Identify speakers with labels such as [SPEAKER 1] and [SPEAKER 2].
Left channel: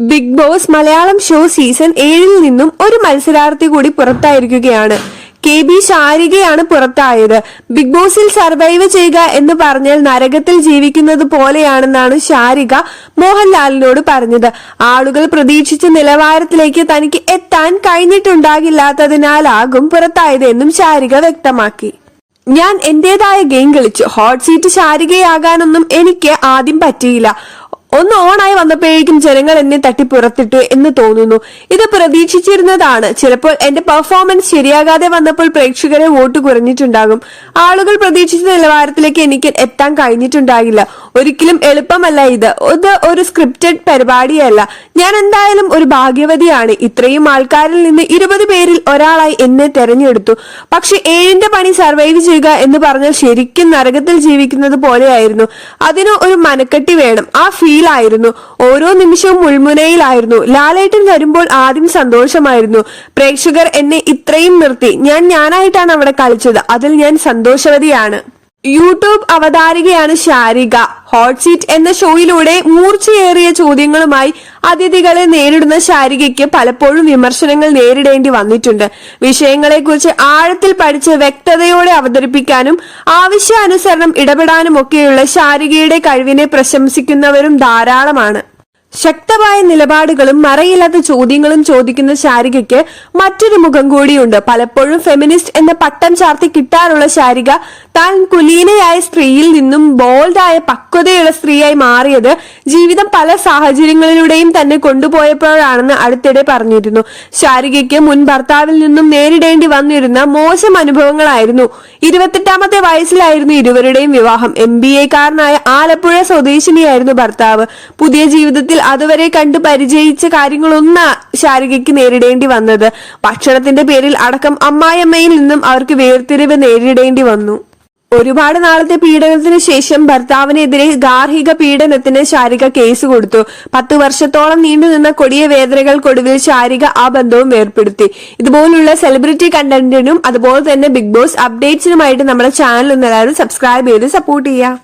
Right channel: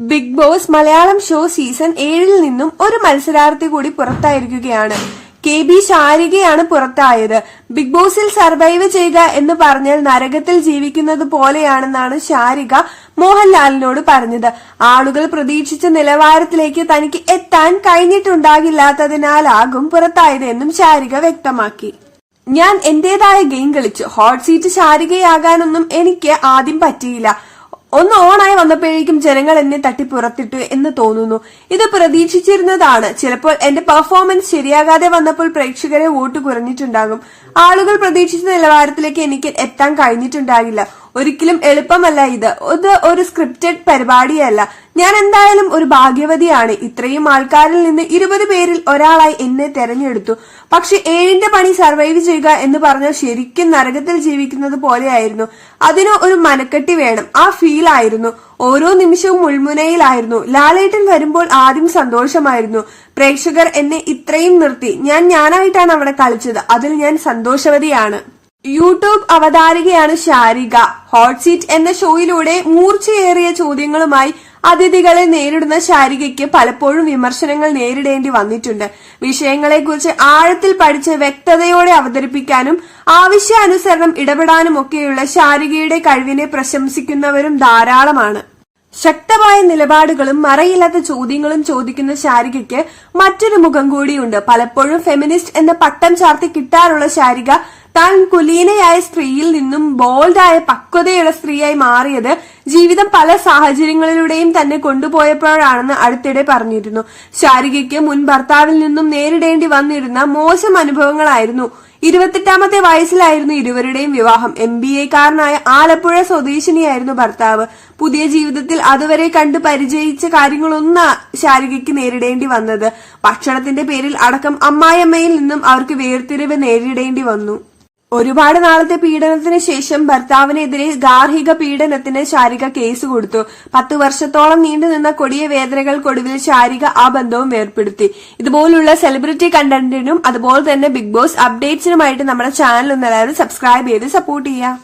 [SPEAKER 1] Bigg Boss Malayalam show season ഏഴിൽ നിന്നും ഒരു മത്സരാർത്ഥി കൂടി പുറത്തായിരിക്കുകയാണ്. കെ ബി ശാരികയാണ് പുറത്തായത്. ബിഗ് ബോസിൽ സർവൈവ് ചെയ്യുക എന്ന് പറഞ്ഞാൽ നരകത്തിൽ ജീവിക്കുന്നത് പോലെയാണെന്നാണ് ശാരിക മോഹൻലാലിനോട് പറഞ്ഞത്. ആളുകൾ പ്രതീക്ഷിച്ച നിലവാരത്തിലേക്ക് തനിക്ക് എത്താൻ കഴിഞ്ഞിട്ടുണ്ടാകില്ലാത്തതിനാലാകും പുറത്തായത് എന്നും ശാരിക വ്യക്തമാക്കി. ഞാൻ എന്റേതായ ഗെയിം കളിച്ചു. ഹോട്ട് സീറ്റ് ശാരികയാകാനൊന്നും എനിക്ക് ആദ്യം പറ്റിയില്ല. ഒന്ന് ഓണായി വന്നപ്പോഴേക്കും ജനങ്ങൾ എന്നെ തട്ടി പുറത്തിട്ടു എന്ന് തോന്നുന്നു. ഇത് പ്രതീക്ഷിച്ചിരുന്നതാണ്. ചിലപ്പോൾ എന്റെ പെർഫോമൻസ് ശരിയാകാതെ വന്നപ്പോൾ പ്രേക്ഷകരെ വോട്ട് കുറഞ്ഞിട്ടുണ്ടാകും. ആളുകൾ പ്രതീക്ഷിച്ച നിലവാരത്തിലേക്ക് എനിക്ക് എത്താൻ കഴിഞ്ഞിട്ടുണ്ടാകില്ല. ഒരിക്കലും എളുപ്പമല്ല ഇത്. ഇത് ഒരു സ്ക്രിപ്റ്റഡ് പരിപാടിയല്ല. ഞാൻ എന്തായാലും ഒരു ഭാഗ്യവതിയാണ്. ഇത്രയും ആൾക്കാരിൽ നിന്ന് ഇരുപത് പേരിൽ ഒരാളായി എന്നെ തെരഞ്ഞെടുത്തു. പക്ഷെ ഏഴിന്റെ പണി സർവൈവ് ചെയ്യുക എന്ന് പറഞ്ഞാൽ ശരിക്കും നരകത്തിൽ ജീവിക്കുന്നത് പോലെയായിരുന്നു. അതിന് ഒരു മനക്കെട്ടി വേണം. ആ ഫീൽ ആയിരുന്നു. ഓരോ നിമിഷവും മുൾമുനയിലായിരുന്നു. ലാലേട്ടൻ വരുമ്പോൾ ആദ്യം സന്തോഷമായിരുന്നു. പ്രേക്ഷകർ എന്നെ ഇത്രയും നിർത്തി. ഞാൻ ഞാനായിട്ടാണ് അവിടെ കളിച്ചത്. അതിൽ ഞാൻ സന്തോഷവതിയാണ്. യൂട്യൂബ് അവതാരികയാണ് ശാരിക. ഹോട്ട് സീറ്റ് എന്ന ഷോയിലൂടെ മൂർച്ചയേറിയ ചോദ്യങ്ങളുമായി അതിഥികളെ നേരിടുന്ന ശാരികയ്ക്ക് പലപ്പോഴും വിമർശനങ്ങൾ നേരിടേണ്ടി വന്നിട്ടുണ്ട്. വിഷയങ്ങളെക്കുറിച്ച് ആഴത്തിൽ പഠിച്ച് വ്യക്തതയോടെ അവതരിപ്പിക്കാനും ആവശ്യാനുസരണം ഇടപെടാനും ഒക്കെയുള്ള ശാരികയുടെ കഴിവിനെ പ്രശംസിക്കുന്നവരും ധാരാളമാണ്. ശക്തമായ നിലപാടുകളും മറയില്ലാത്ത ചോദ്യങ്ങളും ചോദിക്കുന്ന ശാരികയ്ക്ക് മറ്റൊരു മുഖം കൂടിയുണ്ട്. പലപ്പോഴും ഫെമിനിസ്റ്റ് എന്ന പട്ടം ചാർത്തി കിട്ടാറുള്ള ശാരിക താൻ കുലീനയായ സ്ത്രീയിൽ നിന്നും ബോൾഡായ പക്വതയുള്ള സ്ത്രീയായി മാറിയത് ജീവിതം പല സാഹചര്യങ്ങളിലൂടെയും തന്നെ കൊണ്ടുപോയപ്പോഴാണെന്ന് അടുത്തിടെ പറഞ്ഞിരുന്നു. ശാരികയ്ക്ക് മുൻ ഭർത്താവിൽ നിന്നും നേരിടേണ്ടി വന്നിരുന്ന മോശം അനുഭവങ്ങളായിരുന്നു. ഇരുപത്തെട്ടാമത്തെ വയസ്സിലായിരുന്നു ഇരുവരുടെയും വിവാഹം. എം ബി എക്കാരനായ ആലപ്പുഴ സ്വദേശിനിയായിരുന്നു ഭർത്താവ്. പുതിയ ജീവിതത്തിൽ അതുവരെ കണ്ടു പരിചയിച്ച കാര്യങ്ങളൊന്ന ശാരികയ്ക്ക് നേരിടേണ്ടി വന്നത്. ഭക്ഷണത്തിന്റെ പേരിൽ അടക്കം അമ്മായിയമ്മയിൽ നിന്നും അവർക്ക് വേർതിരിവ് നേരിടേണ്ടി വന്നു. ഒരുപാട് നാളത്തെ പീഡനത്തിന് ശേഷം ഭർത്താവിനെതിരെ ഗാർഹിക പീഡനത്തിന് ശാരിക കേസ് കൊടുത്തു. പത്തു വർഷത്തോളം നീണ്ടുനിന്ന കൊടിയ വേദനകൾക്കൊടുവിൽ ശാരിക ആ ബന്ധവും ഏർപ്പെടുത്തി ഇതുപോലുള്ള സെലിബ്രിറ്റി കണ്ടന്റിനും അതുപോലെ തന്നെ ബിഗ് ബോസ് അപ്ഡേറ്റ്സിനുമായിട്ട് നമ്മുടെ ചാനൽ ഒന്ന് സബ്സ്ക്രൈബ് ചെയ്ത് സപ്പോർട്ട് ചെയ്യുക.